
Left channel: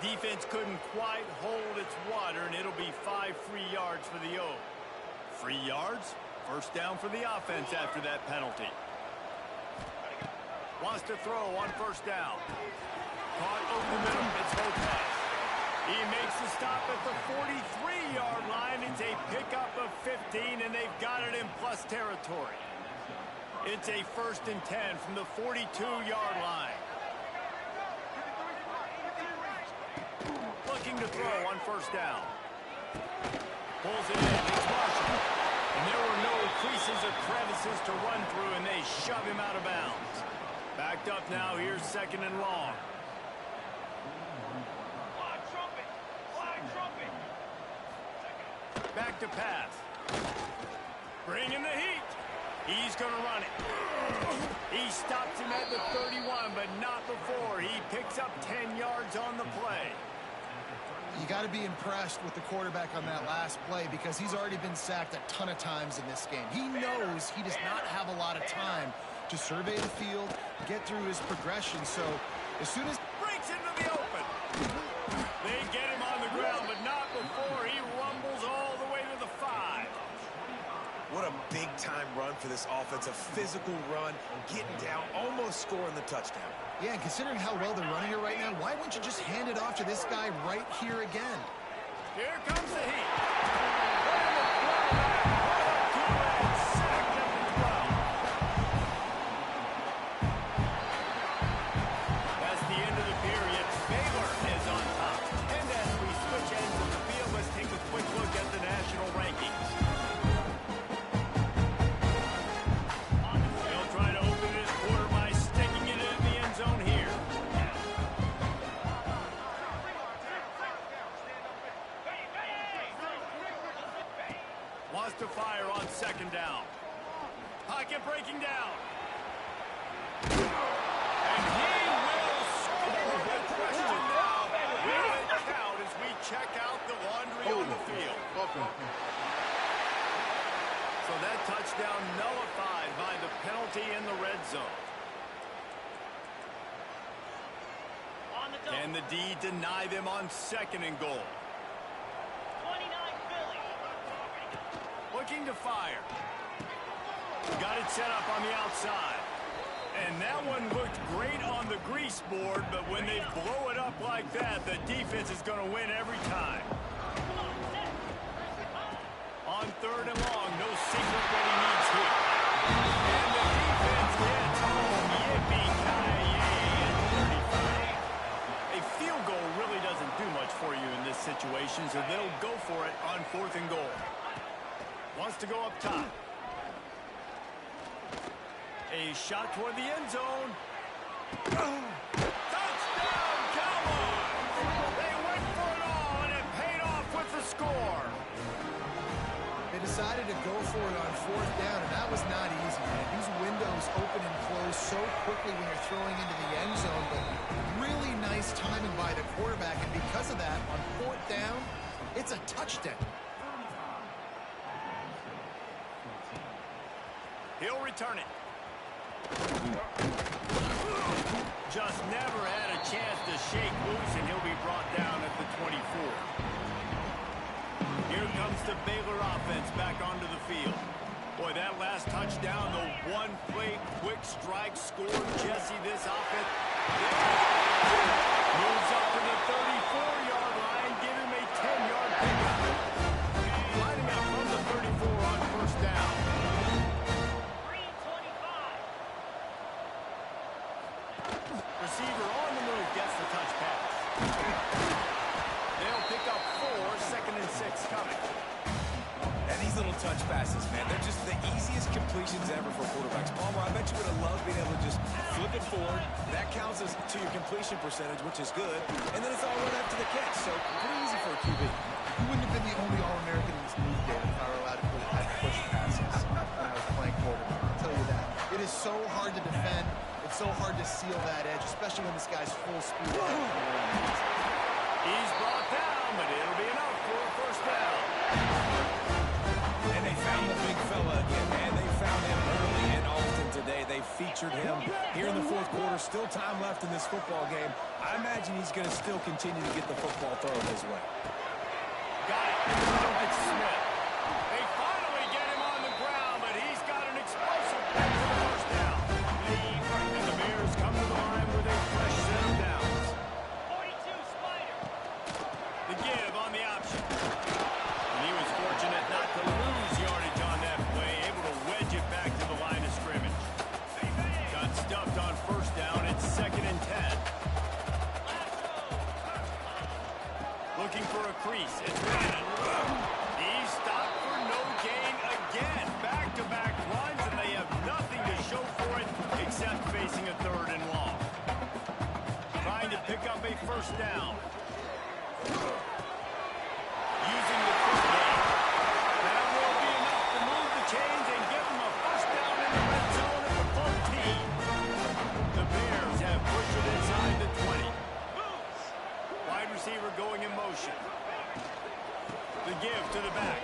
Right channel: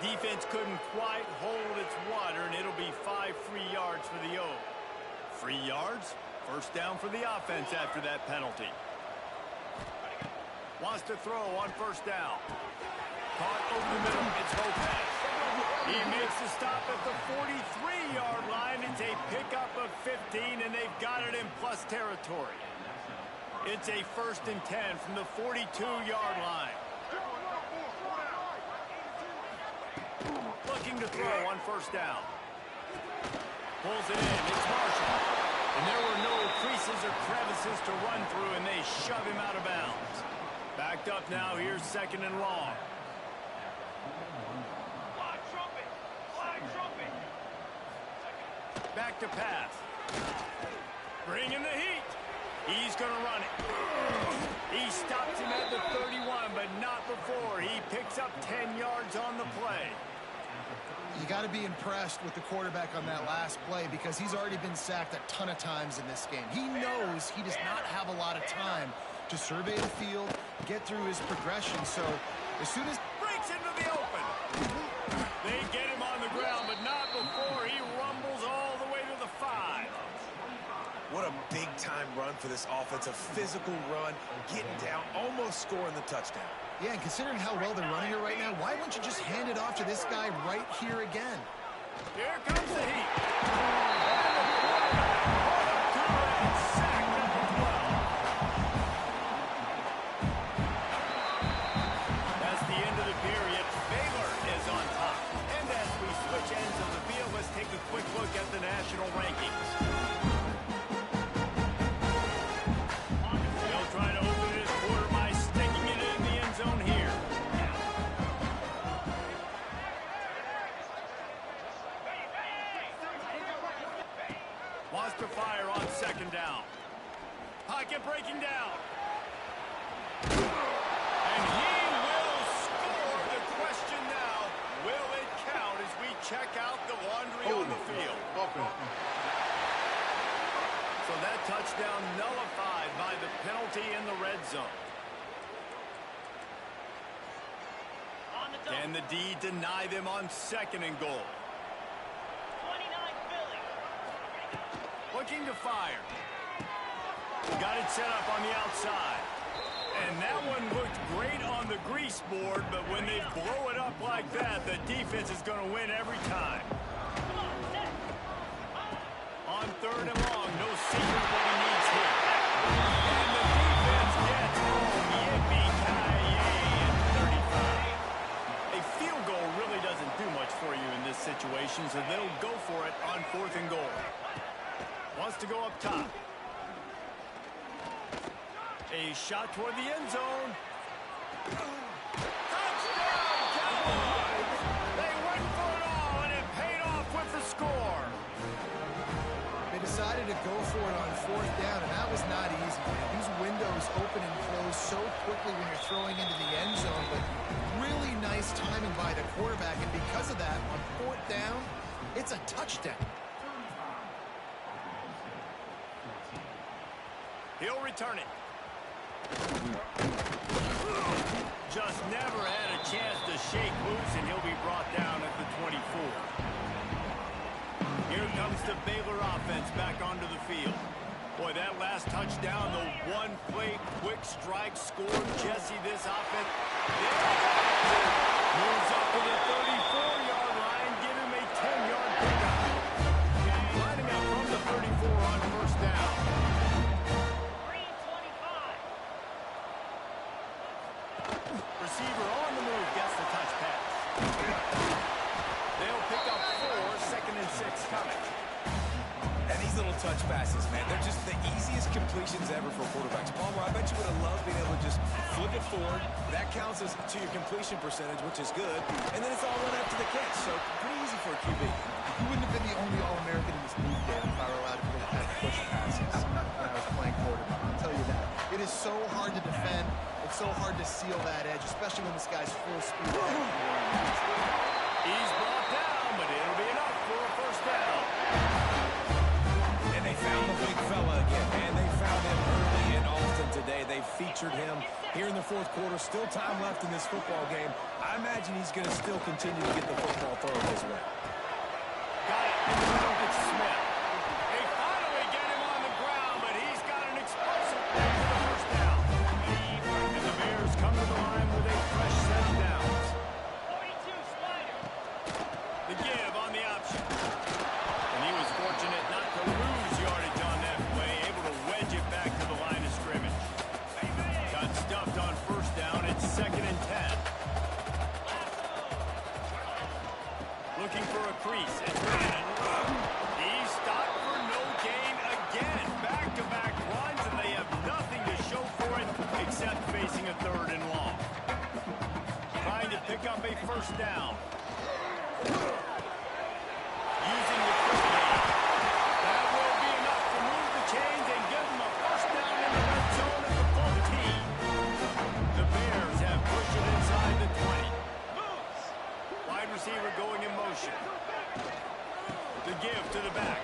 Defense couldn't quite hold its water, and it'll be 5 free yards for the O. Free yards, first down for the offense after that penalty. Wants to throw on first down. Caught over the middle. It's Lopez. He makes the stop at the 43-yard line. It's a pickup of 15, and they've got it in plus territory. It's a 1st and 10 from the 42-yard line. Looking to throw on first down. Pulls it in. It's Marshall. And there were no creases or crevices to run through, and they shove him out of bounds. Backed up now. Here's 2nd and long. Flag trumpet! Flag trumpet! Back to pass. Bringing the heat. He's going to run it. He stops him at the 31, but not before. He picks up 10 yards on the play. You got to be impressed with the quarterback on that last play because he's already been sacked a ton of times in this game. He knows he does not have a lot of time to survey the field, get through his progression. So as soon as Breaks into the open. They get him on the ground, but not before he rumbles all the way to the 5. What a big-time run for this offense. A physical run, getting down, almost scoring the touchdown. Yeah, and considering how well they're running it right now, why wouldn't you just hand it off to this guy right here again? Here comes the heat. And the quarterback brought up to and sacked at the 12. That's the end of the period. Baylor is on top. And as we switch ends of the field, let's take a quick look at the national rankings. They'll try to open this quarter by sticking it in the end zone here. Wants to fire on 2nd down. Pocket breaking down. And he will score. The question now, will it count as we check out the laundry on the field? So that touchdown nullified by the penalty in the red zone. Can the D deny them on 2nd and goal? 29 Philly. Looking to fire. Got it set up on the outside. And that one looked great on the grease board, but when they blow it up like that, the defense is going to win every time. On 3rd and long, no secret what he needs here. And the defense gets home. Yippee-ki-yay at 35. A field goal really doesn't do much for you in this situation, so they'll go for it on 4th and goal. Wants to go up top. A shot toward the end zone. Touchdown, Cowboys! They went for it all, and it paid off with the score. they decided to go for it on 4th down, and that was not easy, man. These windows open and close so quickly when you're throwing into the end zone, but really nice timing by the quarterback, and because of that, on 4th down, it's a touchdown. He'll return it. Just never had a chance to shake loose, and he'll be brought down at the 24. Here comes the Baylor offense back onto the field. Boy, that last touchdown, the one-play quick strike scored Jesse this offense. There he goes. Moves up to the 34-yard line, give him a 10-yard pickup. Lining up from the 34 on 1st down. Receiver on the move, gets the touch pass. They'll pick up 4, 2nd and 6 blitz coming. And these little touch passes, man, they're just the easiest completions ever for quarterbacks. Palmer, I bet you would have loved being able to just flip it forward. That counts as to your completion percentage, which is good. And then it's all run up to the catch, so pretty easy for a QB. You wouldn't have been the only All-American in this league, Dan, if I were allowed to have push passes when I was playing quarterback. I'll tell you that. It is so hard to defend. It's so hard to seal that edge, especially when this guy's full speed ahead coming around the inside. He's brought down, but it'll be enough for a first down. And they found the big fella again, and they found him early and often today. They featured him here in the fourth quarter. Still time left in this football game. I imagine he's going to still continue to get the football thrown his way. Got it in the middle. It's Smith. They finally get him on the ground, but he's got an explosive play for the first down. And the Bears come to the line with a fresh set of downs. 42 Spider. The give on the option. And he was fortunate not to lose yardage on that play, able to wedge it back to the line of scrimmage. Got stuffed on first down. It's 2nd and 10. Looking for a crease. It's Brandon. He's stopped for no gain again. Back-to-back runs, and they have nothing to show for it except facing a 3rd and long. Trying to pick up a first down. Using the quick game. That will be enough to move the chains and give them a first down in the red zone at the 14. The Bears have pushed it inside the 20. Wide receiver going in motion. The give to the back.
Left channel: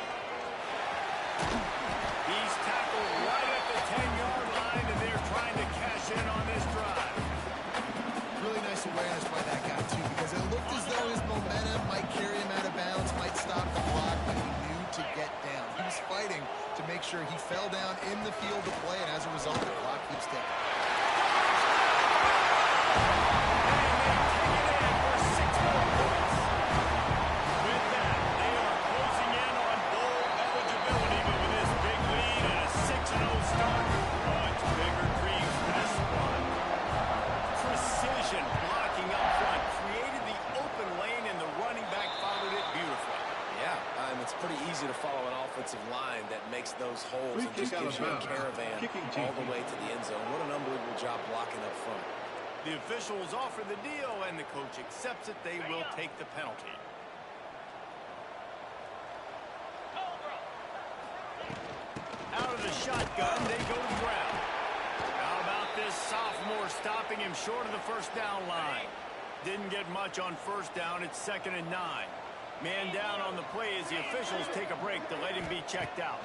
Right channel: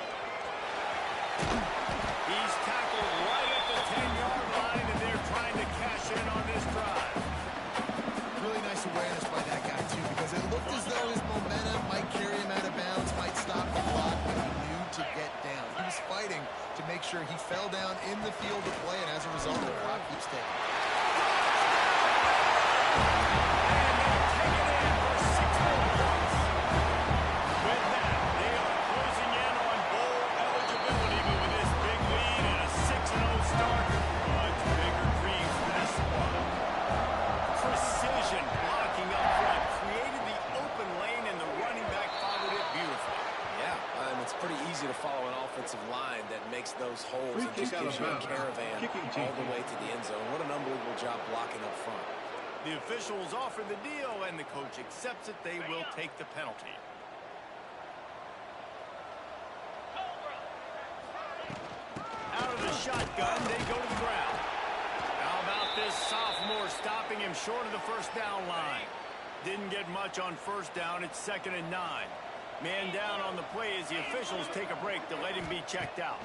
He's tackled right at the 10-yard line, and they're trying to cash in on this drive. Really nice awareness by that guy, too, because it looked as though his momentum might carry him out of bounds, might stop the clock, but he knew to get down. He was fighting to make sure he fell down in the field of play, and as a result, the clock keeps ticking. And they take it in for 6 more points. With that, they are closing in on bowl eligibility, but with this big lead and a 6-0 start, much bigger dreams for this squad. Precision blocking up front created the open lane, and the running back followed it beautifully. Yeah, it's pretty easy to follow an offensive line that makes those holes and just gives you a caravan all the way to the end zone. What an unbelievable job blocking up front. The officials offer the deal, and the coach accepts it. They will take the penalty. Out of the shotgun, they go to the ground. How about this sophomore stopping him short of the first down line? Didn't get much on first down. It's 2nd and 9. Man down on the play as the officials take a break to let him be checked out.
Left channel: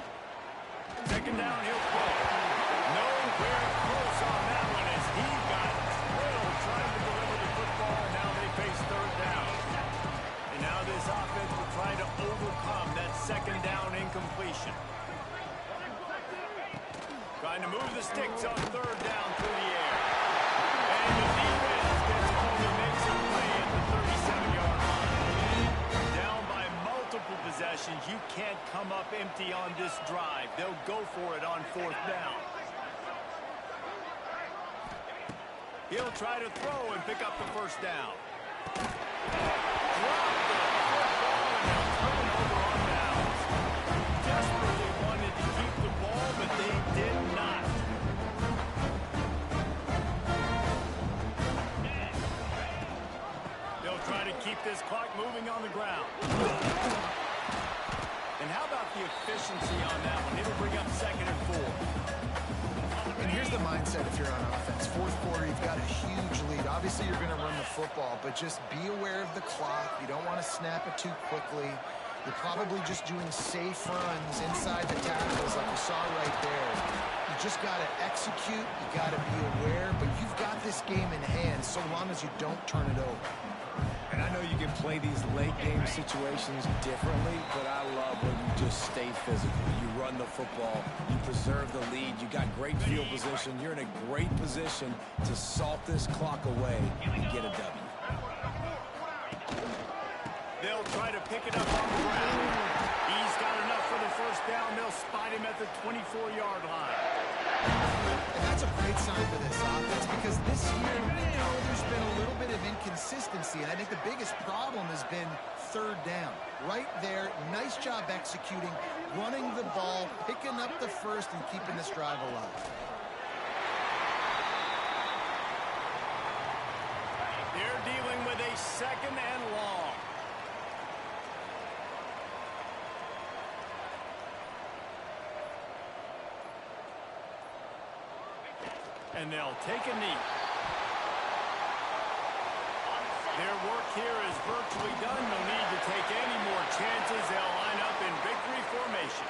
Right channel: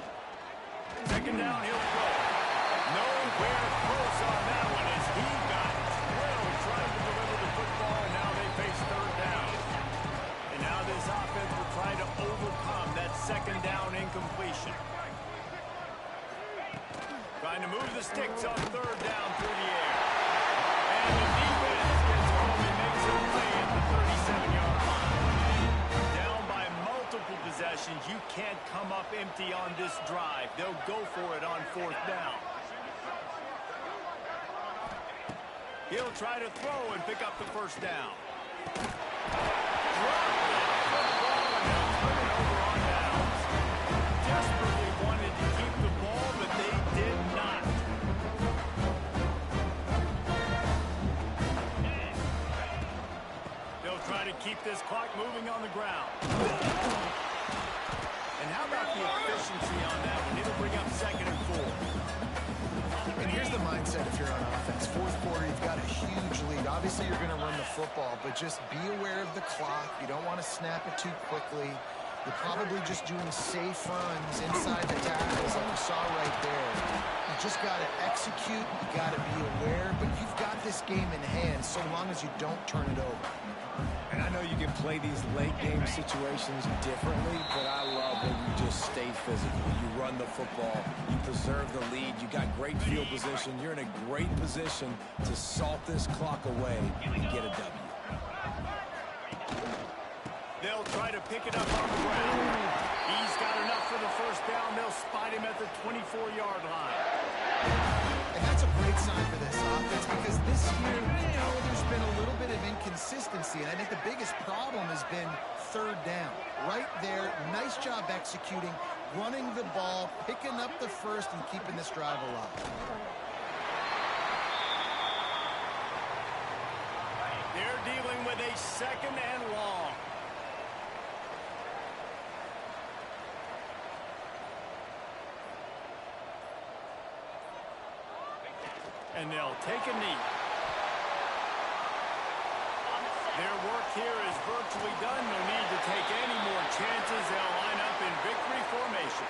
2nd down, he'll throw. Nowhere close on that one as he got drilled trying to deliver the football, and now they face 3rd down. And now this offense will try to overcome that 2nd down incompletion. Trying to move the sticks on 3rd down through the air. And the defense gets home and makes a play at the 37-yard line. Down by multiple possessions, you can't come up empty on this drive. They'll go for it on 4th down. He'll try to throw and pick up the first down. Drop the football, and they'll turn it over on downs. Desperately wanted to keep the ball, but they did not. They'll try to keep this clock moving on the ground. And how about the efficiency on that one? It'll bring up 2nd and 4. And here's the mindset if you're on offense. 4th quarter, you've got a huge lead. Obviously, you're going to run the football, but just be aware of the clock. You don't want to snap it too quickly. You're probably just doing safe runs inside the tackles like you saw right there. You just got to execute. You got to be aware, but you've got this game in hand so long as you don't turn it over. And I know you can play these late-game situations differently, but I love when you just stay physical. You run the football. You preserve the lead. You got great field position. You're in a great position to salt this clock away and get a W. They'll try to pick it up on the ground. He's got enough for the first down. They'll spot him at the 24-yard line. And that's a great sign for this offense because this year, there's been a little bit of inconsistency. And I think the biggest problem has been third down. Right there, nice job executing, running the ball, picking up the first, and keeping this drive alive. They're dealing with a 2nd and long. And they'll take a knee. Their work here is virtually done. No need to take any more chances. They'll line up in victory formation.